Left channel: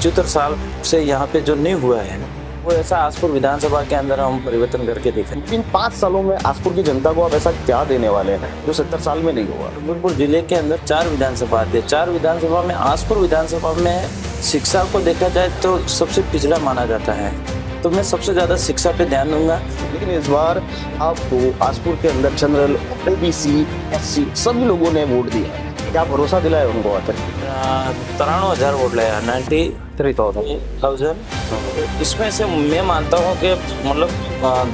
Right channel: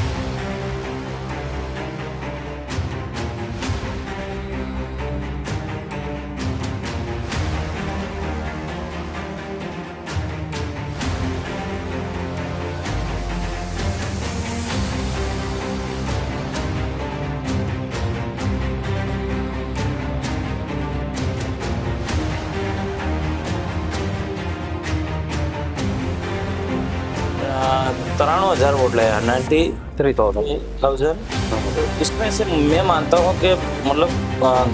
75 साल से यहाँ पे जो नहीं हुआ है, वो ऐसा आसपुर विधानसभा के अंदर हम परिवर्तन करके देखें। इन 5 सालों में आसपुर की जनता को आप ऐसा क्या देने वाले हैं जो 70 साल में नहीं हुआ? डूंगरपुर जिले के अंदर 4 विधानसभा आती है। 4 विधानसभा में आसपुर विधानसभा में शिक्षा को देखा जाए तो सबसे पिछड़ा माना जाता है, तो मैं सबसे ज़्यादा शिक्षा पे ध्यान दूंगा। लेकिन इस बार आपको आसपुर के अंदर जनरल, ओबीसी, एससी सभी लोगों ने वोट दिया, क्या भरोसा दिलाया उनको आकर? 93,000 वोट लाया, 93,000। इसमें से मैं मानता हूँ कि मतलब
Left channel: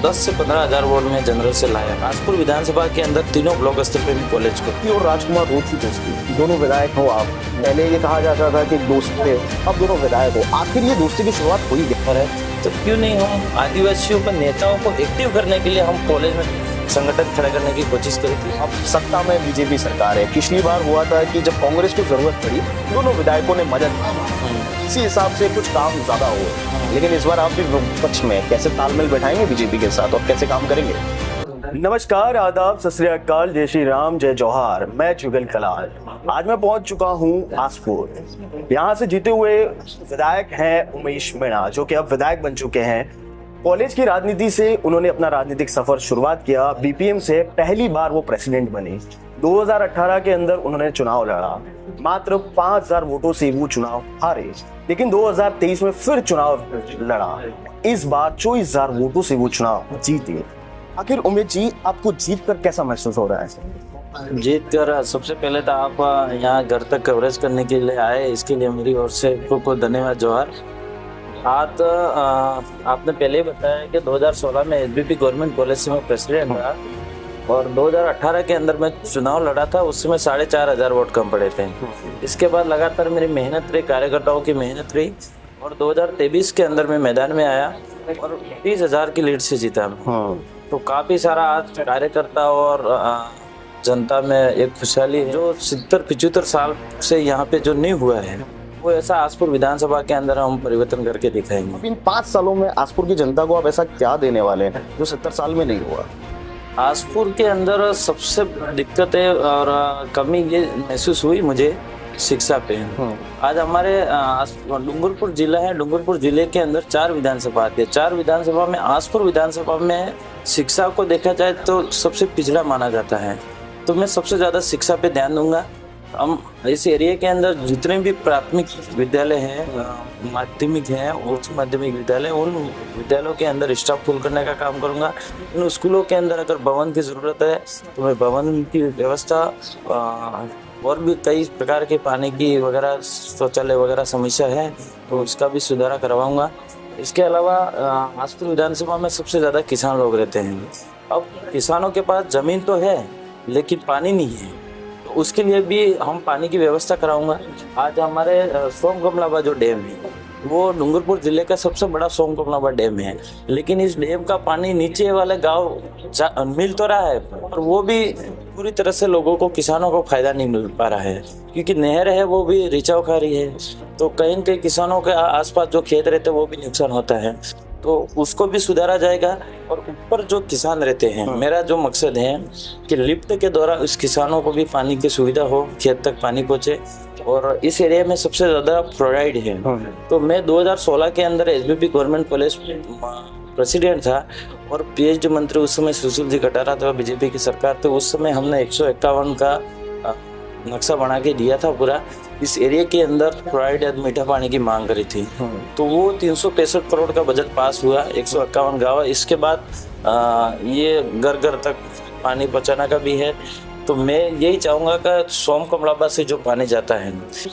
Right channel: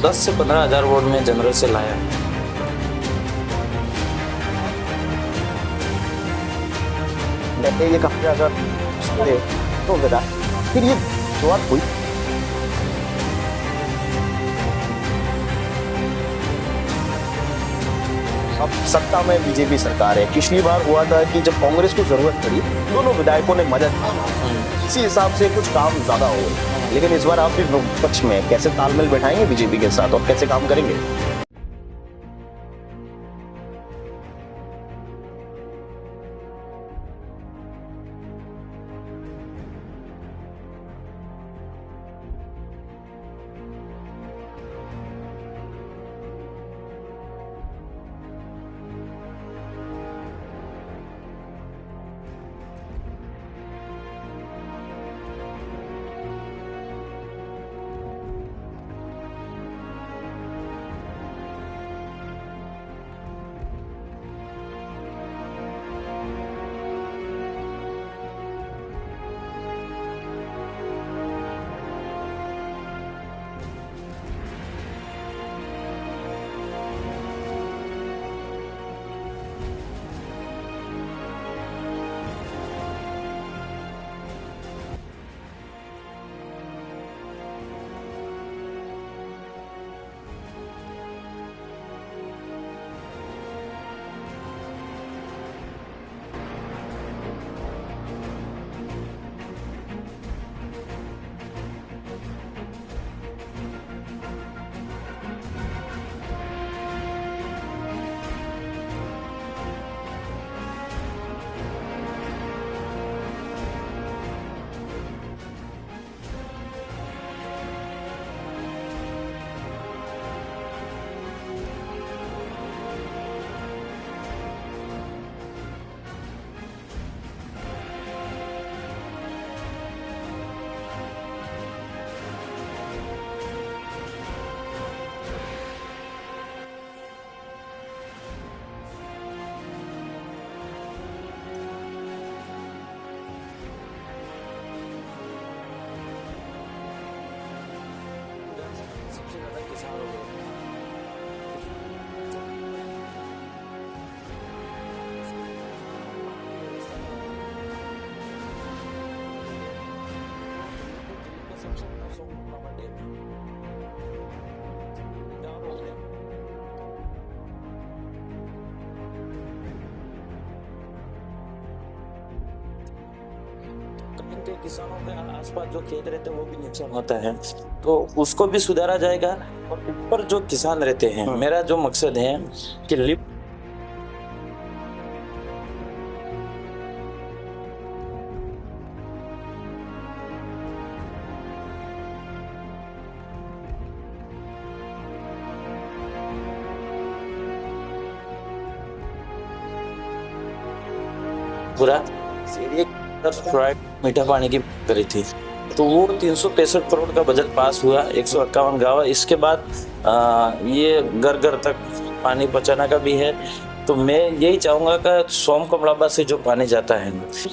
10 से 15,000 वोट में जनरल से लाया। आसपुर विधानसभा के अंदर तीनों ब्लॉक स्तर पे भी कॉलेज को और राजकुमार रोड की दोस्ती, दोनों विधायक हो आप, पहले ये कहा जाता था कि दोस्त थे, अब दोनों विधायक हो, आखिर ये दोस्ती की शुरुआत हुई है? तो क्यों नहीं हम आदिवासियों के नेताओं को एक्टिव करने के लिए हम कॉलेज में संगठन खड़ा करने की कोशिश करें। अब सत्ता में बीजेपी सरकार है, पिछली बार हुआ था कि जब कांग्रेस को जरूरत पड़ी दोनों विधायकों ने मदद की, इसी हिसाब से कुछ काम ज्यादा हो गए। लेकिन इस बार आप भी विपक्ष में कैसे तालमेल बैठाएंगे बीजेपी के साथ और कैसे काम करेंगे? नमस्कार, आदाब, सत श्री अकाल, जय श्री राम, जय जौहार। मैं जुगल कलाल। आज मैं पहुंच चुका हूं आसपुर। यहाँ से जीते हुए विधायक हैं उमेश मीणा, जो कि अब विधायक बन चुके हैं। कॉलेज की राजनीति से उन्होंने अपना राजनीतिक सफर शुरुआत किया। बीपीएम से पहली बार वो प्रेसिडेंट बने। 2018 के अंदर उन्होंने चुनाव लड़ा, मात्र 5,000 वोटों से वो चुनाव हारे। लेकिन 2023 में फिर चुनाव लड़ा, इस बार 24,000 वोटों से वो चुनाव जीते। आखिर उमेश जी, आपको जीत कर कैसा महसूस हो रहा है? जीत कर सबसे पहले तो आप यहाँ घर तक कवरेज करने के लिए आए, इसके लिए मेरी ओर से खूब धन्यवाद, जोहार। आज आपने पहले ही बताया कि 2016 में एसबीपी गवर्नमेंट कॉलेज से मैं प्रेसिडेंट रहा और 2018 के अंदर मैं चुनाव लड़ा था, उस समय 4,500 वोट कम पड़े थे। इसके बाद लगातार मेरी मेहनत रही, कार्यकर्ताओं की मेहनत रही और 2023 के अंदर मैं मैदान में आया और 30,000 की लीड से जीता। तो काफ़ी सारा आज कार्यकर्ता और जनता में एक खुशहाली जो 70-75 साल से यहाँ पे जो नहीं हुआ है, वो ऐसा आसपुर विधानसभा के अंदर हम परिवर्तन करके दिखाएंगे। इन 5 सालों में आसपुर की जनता को आप ऐसा क्या देने वाले हैं जो 70 साल में नहीं हुआ? आसपुर के अंदर सबसे दिक्कत है और कमी ये महसूस हुई मुझे शिक्षा पे। आज हमारे डूंगरपुर जिला है, डूंगरपुर जिले के अंदर 4 विधानसभा आती है। 4 विधानसभा में आसपुर विधानसभा में शिक्षा को देखा जाए तो सबसे पिछड़ा माना जाता है, तो मैं सबसे ज़्यादा शिक्षा पे ध्यान दूंगा। हम इस एरिया के अंदर जितने भी प्राथमिक विद्यालय हैं, माध्यमिक हैं, उच्च माध्यमिक विद्यालय, उन विद्यालयों के अंदर स्टाफ फुल करने का काम करूंगा। इन स्कूलों के अंदर अगर भवन की ज़रूरत है तो मैं भवन की व्यवस्था और भी कई प्रकार के पानी की वगैरह, शौचालय वगैरह समस्या है तो उसका भी सुधारा करवाऊंगा। इसके अलावा आसपुर विधानसभा में सबसे ज़्यादा किसान लोग रहते हैं। अब किसानों के पास ज़मीन तो है लेकिन पानी नहीं है, तो उसके लिए भी हम पानी की व्यवस्था कराऊंगा। आज हमारे सोमकमलाबा जो डैम है वो डूंगरपुर जिले का सबसे बड़ा सोमकमलाबा डैम है, लेकिन इस डैम का पानी नीचे वाले गांव मिल तो रहा है और वो भी पूरी तरह से लोगों को, किसानों को फायदा नहीं मिल पा रहा है क्योंकि नहर है वो भी रिचाव खा रही है, तो कहीं कहीं किसानों के आसपास जो खेत रहते हैं वो भी नुकसान होता है, तो उसको भी सुधारा जाएगा। और ऊपर जो किसान रहते हैं, मेरा जो मकसद है कि लिफ्ट के द्वारा उस किसानों को भी पानी की सुविधा हो, खेत तक पानी पहुंचे। और इस एरिया में सबसे ज़्यादा फ्लोराइड है, तो मैं 2016 के अंदर एसबीपी गवर्नमेंट कॉलेज प्रेसिडेंट था और पीएचडी मंत्री उस समय सुशील जी कटारा थे, बीजेपी की सरकार थी। उस समय हमने 151 का नक्शा बना के दिया था पूरा। इस एरिया के अंदर फ्लोराइड या मीठा पानी की मांग करी थी, तो वो 365 करोड़ का बजट पास हुआ, 151 गाँव। इसके बाद ये घर घर तक पानी पहुँचाने का भी है। तो मैं यही चाहूँगा कि सोमकमलाबा से जो पानी जाता है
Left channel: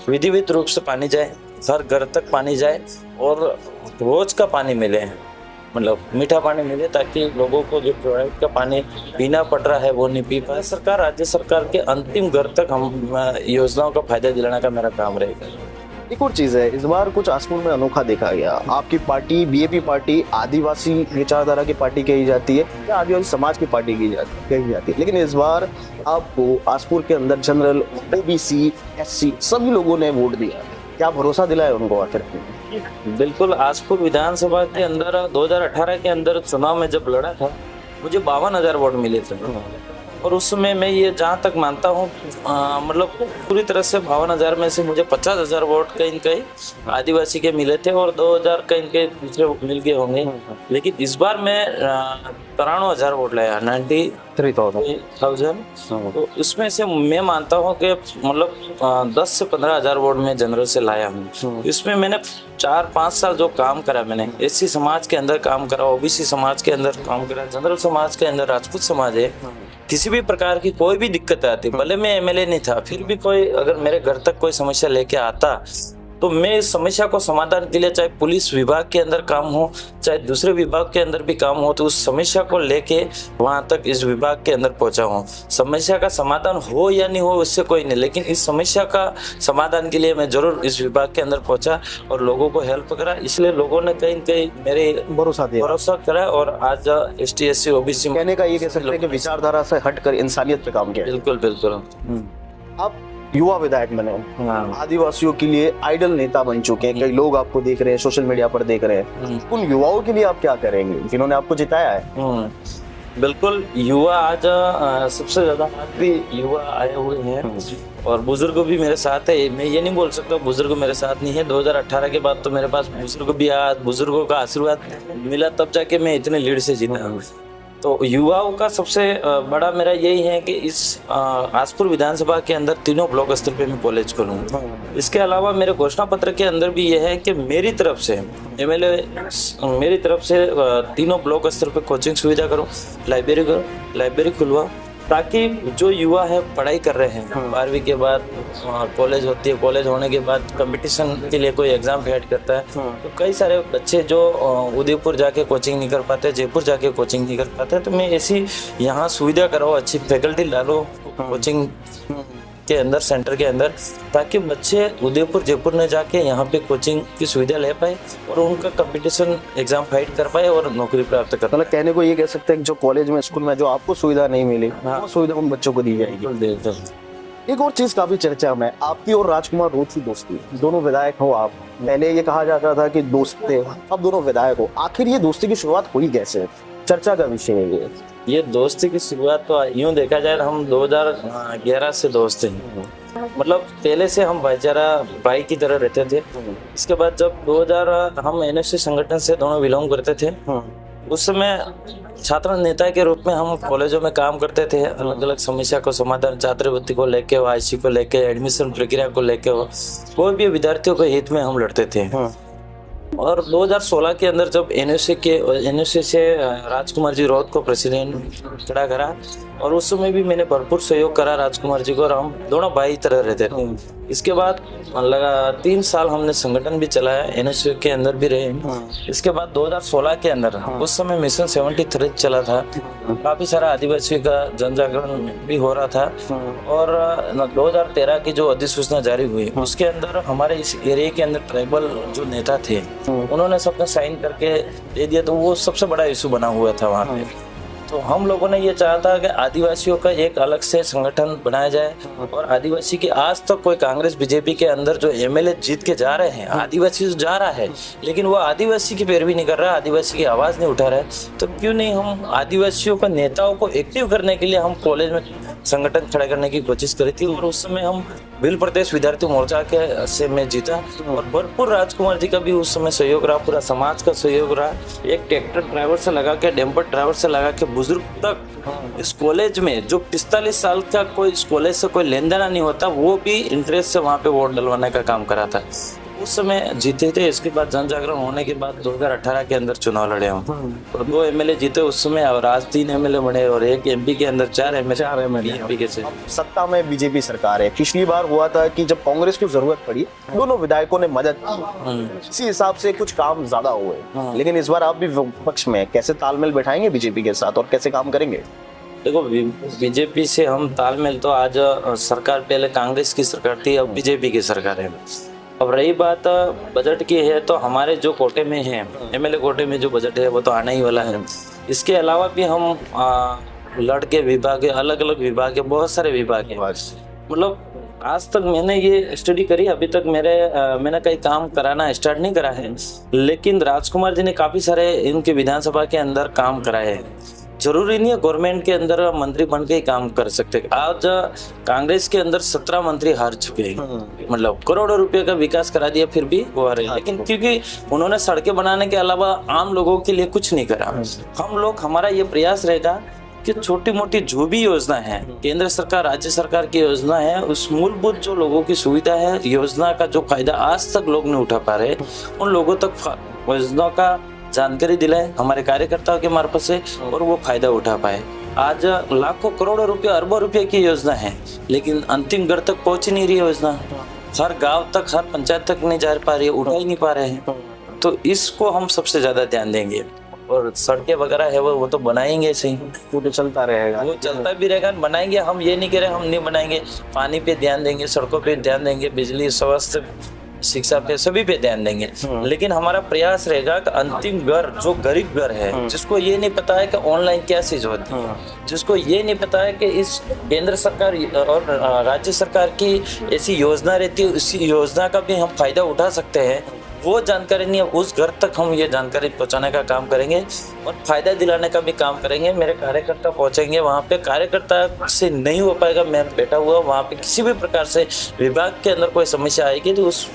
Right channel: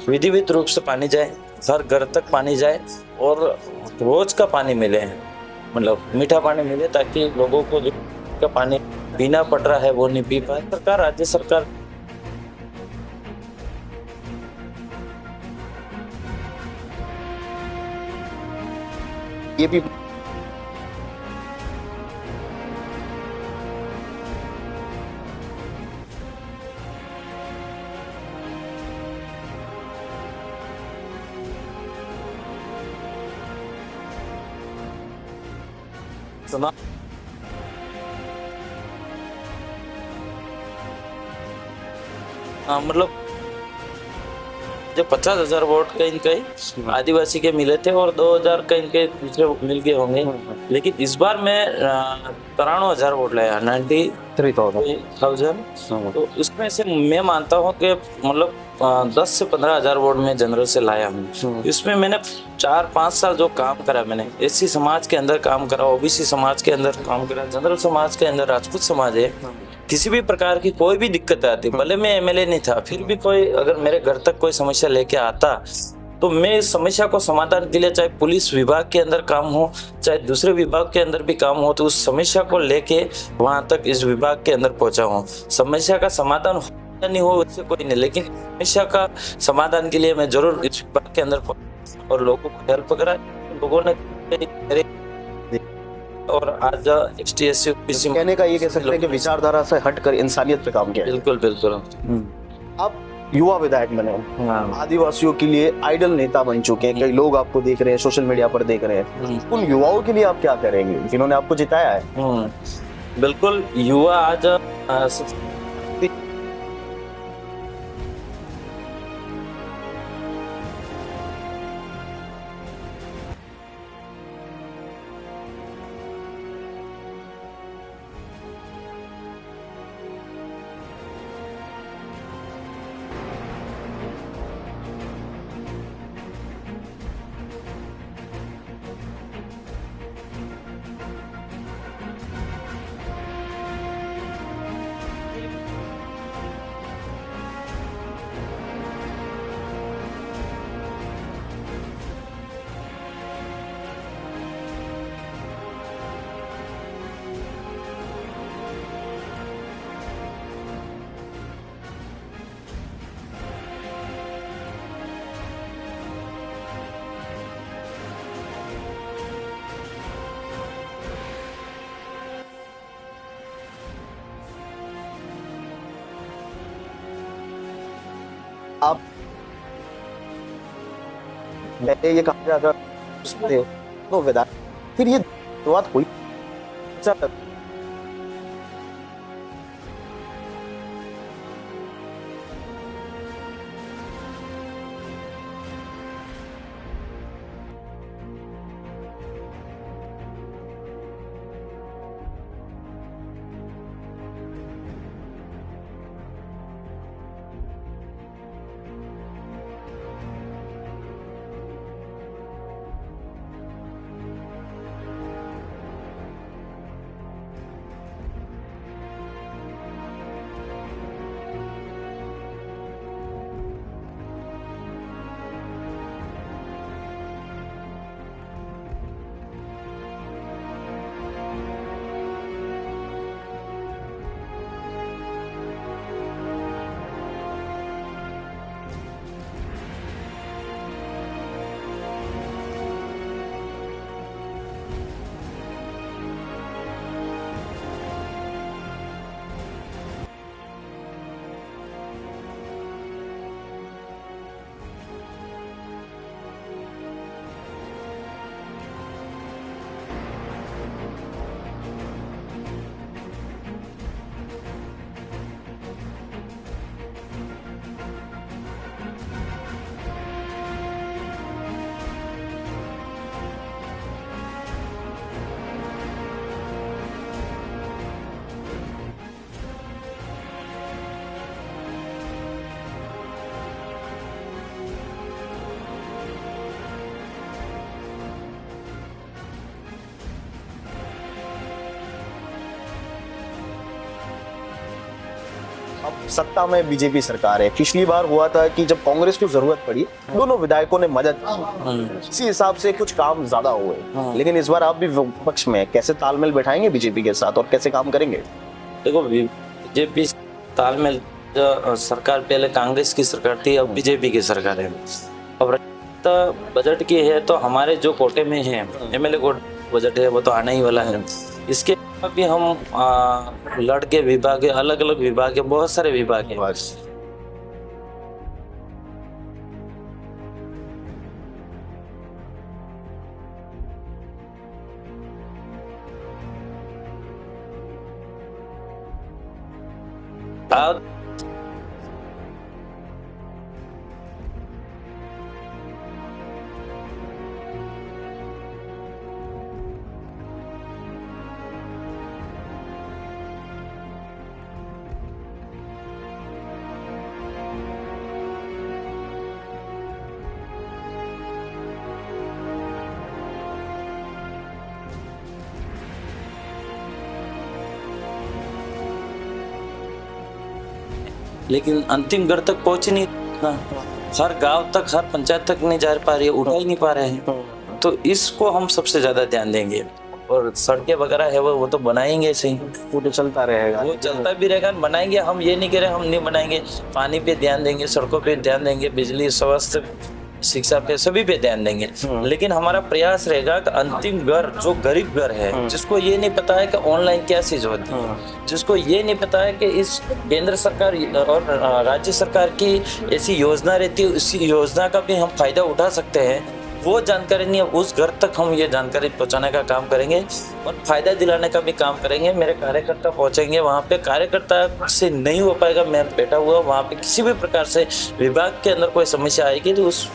विधिवत रूप से पानी जाए, हर घर तक पानी जाए और रोज का पानी मिले, मतलब मीठा पानी मिले, ताकि लोगों को जो फ्लोराइड का पानी पीना पड़ रहा है वो नहीं पी पाए। सरकार, राज्य सरकार के अंतिम घर तक हम योजनाओं का फायदा दिलाने का मेरा काम रहेगा। एक और चीज़ है, इस बार कुछ आसपुर में अनोखा देखा गया। आपकी पार्टी बीएपी पार्टी आदिवासी विचारधारा की पार्टी कही जाती है या आदिवासी समाज की पार्टी कही जाती है, लेकिन इस बार आपको आसपुर के अंदर जनरल, ओबीसी, एससी सभी लोगों ने वोट दिया, क्या भरोसा दिलाया उनको आखिर? बिल्कुल, आसपुर विधानसभा के अंदर 2018 के अंदर चुनाव में जब लड़ा था मुझे 52,000 वोट मिले थे और उस समय मैं ये जहाँ तक मानता हूँ मतलब पूरी तरह से 52,000 में से मुझे 50,000 वोट कहीं कहीं आदिवासी के मिले थे और 2,000 कहीं के दूसरे मिल गए होंगे। लेकिन इस बार मैं 93,000 वोट लाया, 93,000। तो इसमें से मैं मानता हूँ कि मतलब 10 से 15,000 वोट में जनरल से लाया हूँ। इसमें मैंने 4-5 साल जो काम करा, मैंने एससी समाज के अंदर काम करा, ओबीसी समाज के अंदर काम करा, जनरल समाज के अंदर, राजपूत समाज है। किसी भी प्रकार की कोई भी दिक्कत आती, भले मैं एमएलए नहीं था, फिर भी कोई अगर मेरे घर तक कोई समस्या लेके आता तो मैं इस समस्या को समाधान के लिए, चाहे पुलिस विभाग के अंदर काम हो, चाहे दूसरे विभाग के अंदर भी काम हो, तो उस समस्या को लेके वहां तक इस विभाग के अंदर पहुंचा हूँ। समस्या का समाधान हो या नहीं हो उससे कोई नहीं, लेकिन इस समस्या का समाधान के लिए मैं जरूर इस विभाग के अंदर पहुंचा और लोगों को हेल्प करा। इसलिए लोगों ने कहीं कहीं मेरे भरोसा करा और आज ST SC OBC कहने का ये कह सकते हैं कि विचारधारा से हटकर इंसानियत पे काम किया। बिल्कुल बिल्कुल। आप युवा विधायक बने, आदिवासियों के लिए आइडल नेता बन चुके हैं, कई लोग आपको देख रहे हैं, सोशल मीडिया पर देख रहे हैं। उन युवाओं के लिए आप क्या करेंगे जिन्होंने आपको जिताया है? बिल्कुल, युवा आज सबसे ज्यादा युवा आए हुए हैं और बुजुर्ग भी मेरे साथ है। मैं ये नहीं बोल सकता बुजुर्ग मेरे साथ नहीं है। 2018 के बाद तो मेरे पास बुजुर्ग भी आया, बुजुर्गों का आशीर्वाद मिला, तब जाके मैं इतने लीड से जीता हूँ। तो युवाओं का सबसे बड़ा मेरा यही है कि इस आसपुर विधानसभा के अंदर तीनों ब्लॉक स्तर पे मैं कॉलेज खोलूँ। इसके अलावा मेरे घोषणा पत्र के अंदर भी यह है कि मेरी तरफ से एमएलए मेरी तरफ से तीनों ब्लॉक स्तर पे कोचिंग सुविधा करूँ, लाइब्रेरी खुलवाऊँ, ताकि जो युवा है पढ़ाई कर रहे हैं, 12वीं के बाद कॉलेज होती है, कॉलेज होने के बाद कंपटीशन के लिए कोई एग्जाम हेड करता है, तो कई सारे बच्चे जो उदयपुर जाके कोचिंग नहीं कर पाते, जयपुर जाके कोचिंग नहीं कर पाते, तो मैं ऐसी यहाँ सुविधा कराऊँ, अच्छी फैकल्टी डालो कोचिंग के अंदर, सेंटर के अंदर, ताकि बच्चे उदयपुर जयपुर में जाके यहाँ पे कोचिंग की सुविधा ले पाए और उनका कंपटीशन एग्जाम फाइट कर पाए और नौकरी प्राप्त कर पाए। मतलब कहने को ये कह सकते हैं कि जो कॉलेज में, स्कूल में जो आपको सुविधा नहीं मिली, वो सुविधा उन बच्चों को दी जाएगी। एक और चीज काफी चर्चा में, आपकी और राजकुमार रोड की दोस्ती, दोनों विधायक हो आप। पहले ये कहा जाता था कि दोस्त थे, अब दोनों विधायक हो। आखिर ये दोस्ती की शुरुआत हुई कैसे? चर्चा का विषय है ये दोस्ती की शुरुआत तो यूँ देखा जाए हम 2011 से दोस्त हैं। मतलब पहले से हम भाईचारा भाई की तरह रहते थे। इसके बाद जब 2000 हम NSC संगठन से दोनों बिलोंग करते थे, उस समय छात्र नेता के रूप में हम कॉलेजों में काम करते थे। अलग अलग समस्या को समाधान, छात्रवृत्ति को लेके हो, IC को लेके, एडमिशन प्रक्रिया को लेके हो, कोई भी विद्यार्थियों के हित में हम लड़ते थे। और 2016 के अंदर जब NSC से राजकुमार जी रौत को प्रेसिडेंट खड़ा करा, और उस समय भी मैंने भरपूर सहयोग करा राजकुमार जी को, और हम दोनों भाई तरह रहते थे। इसके बाद लगा 3 साल हमने संगठन भी चलाया, NSC के अंदर भी रहे। इसके बाद 2016 के अंदर उस समय मिशन 73 चला था, काफी सारा आदिवासी का जन जागरण भी हो रहा था। और 2013 की जो अधिसूचना जारी हुई, उसके अंदर हमारे इस एरिया के अंदर ट्राइबल जो नेता थे, उन्होंने सबने साइन करके दे दिया, तो वो सबसे बड़ा इशू बना हुआ था वहाँ पे। तो हम लोगों ने ये चाहा था कि आदिवासियों का एक अलग से संगठन बनाया जाए, और आदिवासी की आज तक कोई कांग्रेस बीजेपी के अंदर जो MLA जीत के जा रहे हैं, आदिवासी तो जा रहा है, लेकिन वो आदिवासी की पैरवी नहीं कर रहा, आदिवासी की आवाज़ नहीं उठा रहा है। तो क्यों नहीं हम आदिवासियों के नेताओं को एक्टिव करने के लिए हम कॉलेज में संगठन खड़ा करने की कोशिश करी थी। और उस समय हम भील प्रदेश विद्यार्थी मोर्चा के से मैं जीता, और भरपूर राजकुमार जी का भी उस समय सहयोग रहा, पूरा समाज का सहयोग रहा। एक ट्रैक्टर ड्राइवर से लगा के, डंपर ड्राइवर से लगा के, बुजुर्ग तक इस कॉलेज में जो 45 साल का कोई इस कॉलेज से कोई लेन देना नहीं होता, वो भी इंटरेस्ट से वहाँ पे वोट डलवाने का काम करा था। उस समय जीते थे। इसके बाद जन जागरण होने के बाद 2018 के अंदर चुनाव लड़े हम, तो 2 MLA जीते उस समय, और आज 3 MLA बने, और एक MP के अंदर 4 MLA के से। अब सत्ता में बीजेपी सरकार है। पिछली बार हुआ था कि जब कांग्रेस को जरूरत पड़ी, दोनों विधायकों ने मदद की, इसी हिसाब से कुछ काम ज्यादा हुए। लेकिन इस बार आप भी विपक्ष में, कैसे तालमेल बैठाएंगे बीजेपी के साथ और कैसे काम करेंगे? देखो, बीजेपी से हम तालमेल, तो आज सरकार पहले कांग्रेस की सरकार थी, अब बीजेपी की सरकार है। अब रही बात बजट की है, तो हमारे जो कोटे में है, MLA कोटे में जो बजट है वो तो आना ही वाला है। इसके अलावा भी हम लड़के विभाग है, अलग अलग विभाग है, बहुत सारे विभाग है। मतलब आज तक मैंने ये स्टडी करी, अभी तक मैंने कई काम कराना स्टार्ट नहीं करा है, लेकिन राजकुमार जी ने काफ़ी सारे इनके विधानसभा के अंदर काम कराए हैं। जरूरी नहीं है गवर्नमेंट के अंदर मंत्री बन के ही काम कर सकते। आज कांग्रेस के अंदर 17 मंत्री हार चुके हैं, मतलब करोड़ों रुपए का विकास करा दिया, फिर भी वो हारे। लेकिन क्योंकि उन्होंने सड़कें बनाने के अलावा आम लोगों के लिए कुछ नहीं करा। हम लोग, हमारा ये प्रयास रहेगा कि छोटी मोटी जो भी योजना है, केंद्र सरकार राज्य सरकार की योजना है, उस मूलभूत जो लोगों की सुविधा है, योजना का जो फायदा आज तक लोग नहीं उठा पा रहे, उन लोगों तक योजना का जानकारी दिलाए हमारे कार्यकर्ताओं के मार्फत से, और वो फायदा उठा पाए। आज लाखों करोड़ों रुपए अरबों रुपए की योजना है, लेकिन अंतिम घर तक पहुंच ही नहीं रही योजना। हर गांव तक, हर पंचायत तक नहीं जा पा रही है, उठा ही नहीं पा रहे हैं। तो इसको हम सबसे ज्यादा ध्यान देंगे, और सड़कें वगैरह है वो तो बनाएंगे सही, वो तो चलता रहेगा, वो चलता भी रहेगा, बनाएंगे। हम ये नहीं कह रहे हम नहीं बनाएंगे, पानी पे ध्यान देंगे, सड़कों पे ध्यान देंगे, बिजली, स्वास्थ्य, शिक्षा पे, सभी पे ध्यान देंगे। लेकिन हमारा प्रयास रहेगा कि अंतिम घर, जो गरीब घर है, जिसको ये नहीं पता है कि ऑनलाइन क्या चीज होती है, जिसको ये नहीं पता है कि इस केंद्र सरकार और राज्य सरकार की ऐसी योजना रहती है, उसी योजना का भी हम फायदा उठा सकते हैं, वो जानकारी नहीं है, उस घर तक हम ये जानकारी पहुंचाने का काम करेंगे और फायदा दिलाने का भी काम करेंगे। मेरे कार्यकर्ता पहुंचेंगे वहाँ पे, कार्यकर्ता से नहीं हो पाएगा, मैं बैठा हुआ वहाँ पे, किसी भी प्रकार से विभाग के अंदर कोई समस्या आएगी तो उस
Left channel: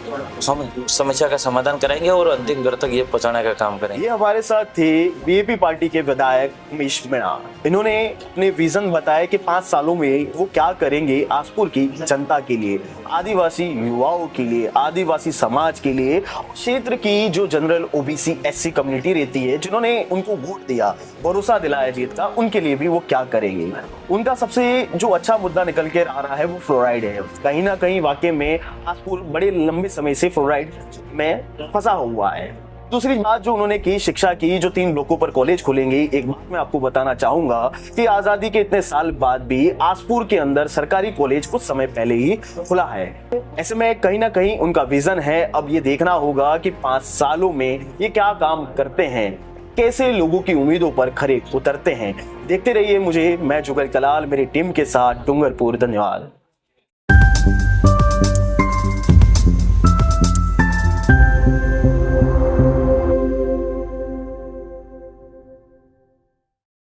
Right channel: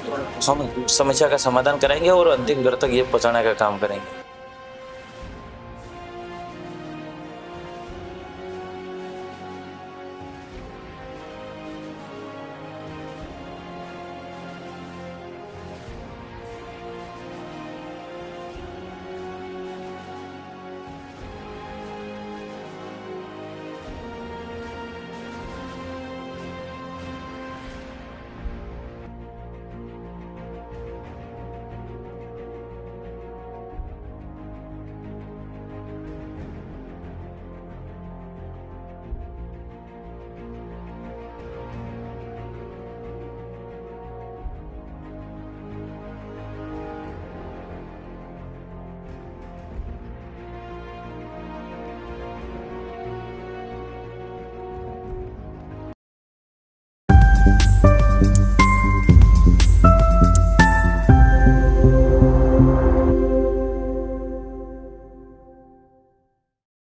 हम समस्या का समाधान करेंगे और अंतिम घर तक ये पहुंचाने का काम करेंगे। ये हमारे साथ थे बीजेपी पार्टी के विधायक उमेश मीणा। इन्होंने अपने विजन बताया कि 5 सालों में वो क्या करेंगे आसपुर की जनता के लिए, आदिवासी युवाओं के लिए, आदिवासी समाज के लिए, क्षेत्र की जो जनरल ओबीसी एससी कम्युनिटी रहती है, जिन्होंने उनको वोट दिया, भरोसा दिलाया जीत का, उनके लिए भी वो क्या करेंगे। उनका सबसे जो अच्छा मुद्दा निकल के आ रहा है वो फ्लोराइड है। कहीं ना कहीं वाकई में आसपुर बड़े लंबे समय से फ्लोराइड में फंसा हुआ है। दूसरी बात जो उन्होंने की, शिक्षा की, जो 3 ब्लॉकों पर कॉलेज खुलेंगे। एक बात मैं आपको बताना चाहूंगा कि आजादी के इतने साल बाद भी आसपुर के अंदर सरकारी कॉलेज कुछ समय पहले ही खुला है। ऐसे में कहीं ना कहीं उनका विजन है। अब ये देखना होगा कि 5 सालों में ये क्या काम करते हैं, कैसे लोगों की उम्मीदों पर खरे उतरते हैं। देखते रहिए मुझे, मैं जुगल कलाल, मेरी टीम के साथ डूंगरपुर। धन्यवाद।